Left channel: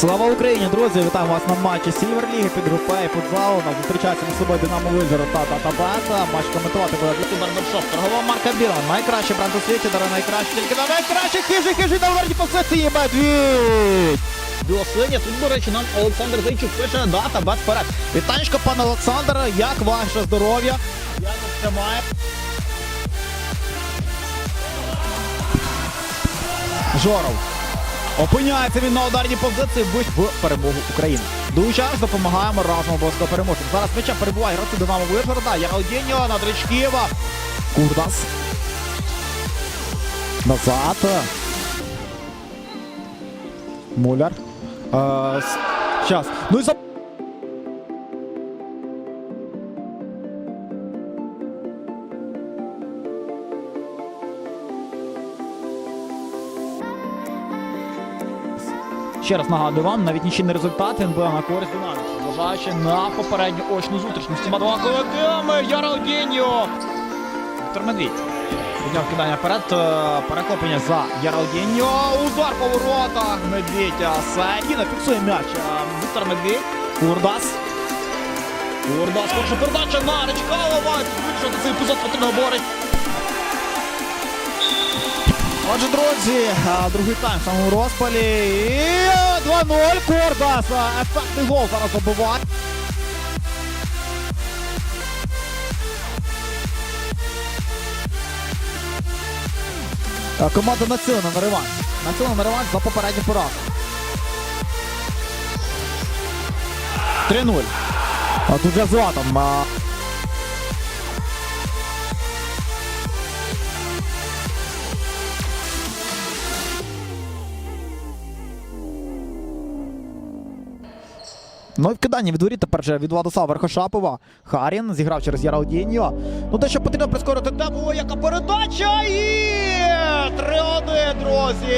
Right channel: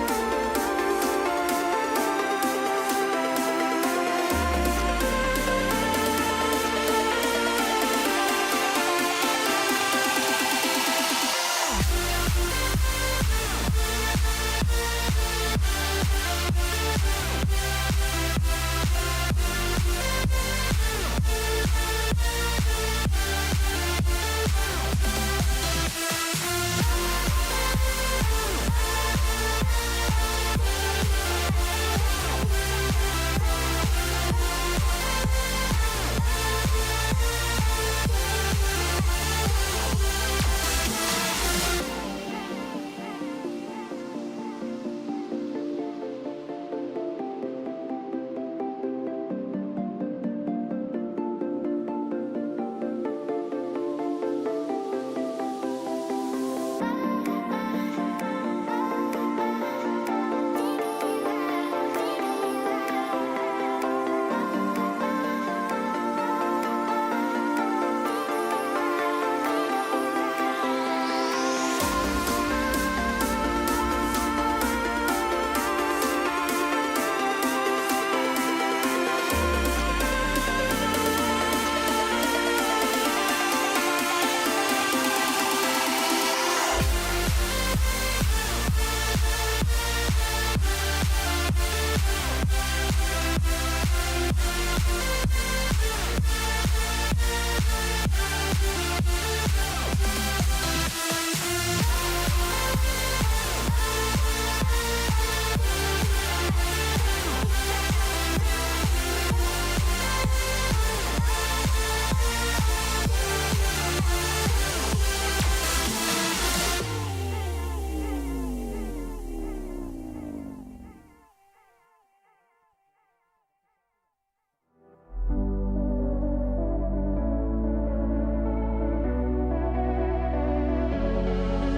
Слава Україні, друзі! Вітаю вас на матчі Сіверліги під групою футзалу. Нас зустрічається на сьогодні Динамо Визор та Татабаза. Матч коментувати буде Ютубер Вершов. Торгова марка Біла. Найкраще бренд у світі, дарує найкраще тільки на найкраще. Хижі, хижі на ударні позиції. Медвідь! Білослині, тут, до речі, нам Олександр Зайчук пише дата, бет вперед. Вітанечко, пане Олександр, як ваше здоров'я? Як тримає? Жоров. Опиняється він на ударній позиції будь в перемогу України. Долучаємось, допомагаємо разом обов'язково переможемо. Зараз меча перебуває гравці Динамо Вишгорода. Яралдіньо, Надричківа. Курдас. Назад. Муляр. Е, с- Ну і за... Ще раз нагадую вам, навіть нічийний результат був на користь Івановича. Зважаючи на попередню очну зустріч. Містіма два колективами, Яралдіньо. Віктор Медвідь. Підняв кидання вперед, е, перехоплення за Яралдіньо. Удар по воротах. Медвідь а, Саїна фіксує м'яч. Віктор Медвідь. Курбас. Курбас, перша передача на Речкалова. Що цей епізод потрібно говорить. Друзі, другий тайм в самому розпалі. І 2-0 Кордас. Ефектний гол зараз забуває. А, Команда націлена на реванш. Націлена на реванш за попередню поразку. 3-0. А тут для Златан. Ну і вкидання від воріт тепер же від Владислава Верхошапова. Харін зіграв через Яралдіньо. Ну те, що потрібно прискорити тему, яка передача і 3-1, друзі.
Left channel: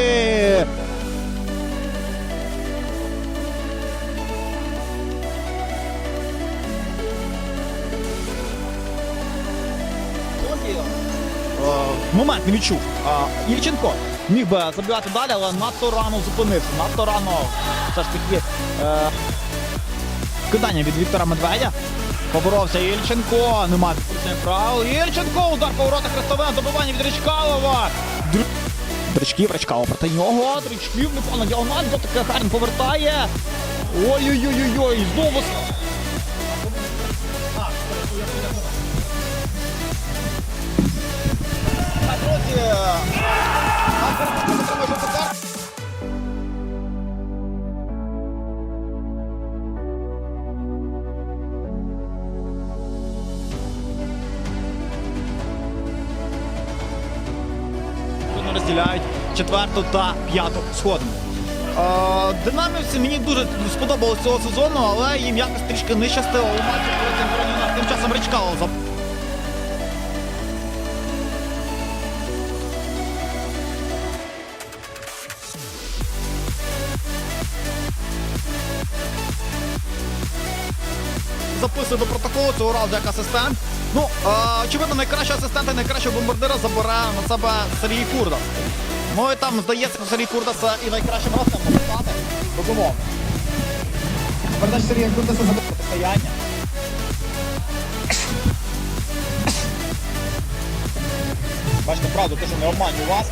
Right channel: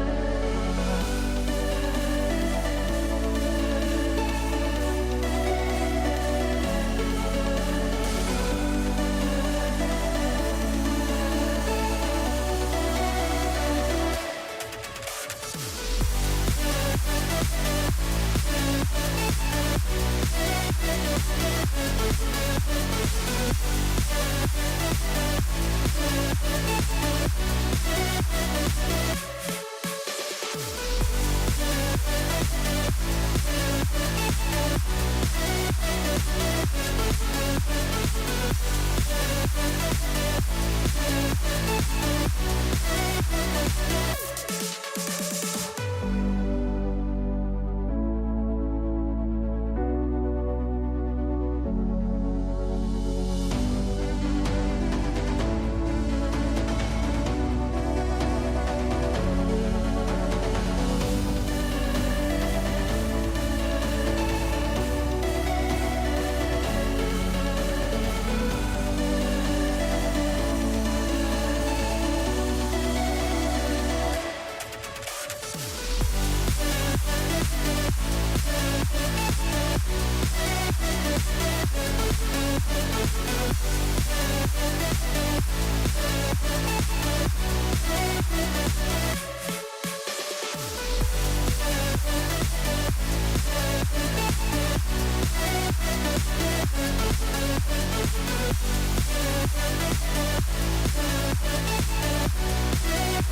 Е, Момент не відчув. А, Ільченко міг би забивати далі, але надто рано зупинився. Надто рано все ж таки е, Кидання від Віктора Медведя. Поборовся Ільченко. Нема правил. Ільченко. Удар поворота Хрестове. Добивання від Річкалова. Дричків, Ричкало проти нього. Дричків на діагональ. Таке Харін повертає. Ой-ой-ой-ой. Знову. Четверту та п'яту сходу. Е, Динамівці мені дуже сподобалось цього сезону, але їм якось трішки не щастило тим часом Ричкало за записую до протоколу цього разу як асистент. Ну, очевидно, найкращого асистента, найкращого бомбардира забере на себе Сергій Курда. Ну і там, здається, Сергій Курда це і найкращим гостем стати. Безумовно. Передача Сергія Курда це забуде стояння. Бачите, правду, кажу, не обманю вас.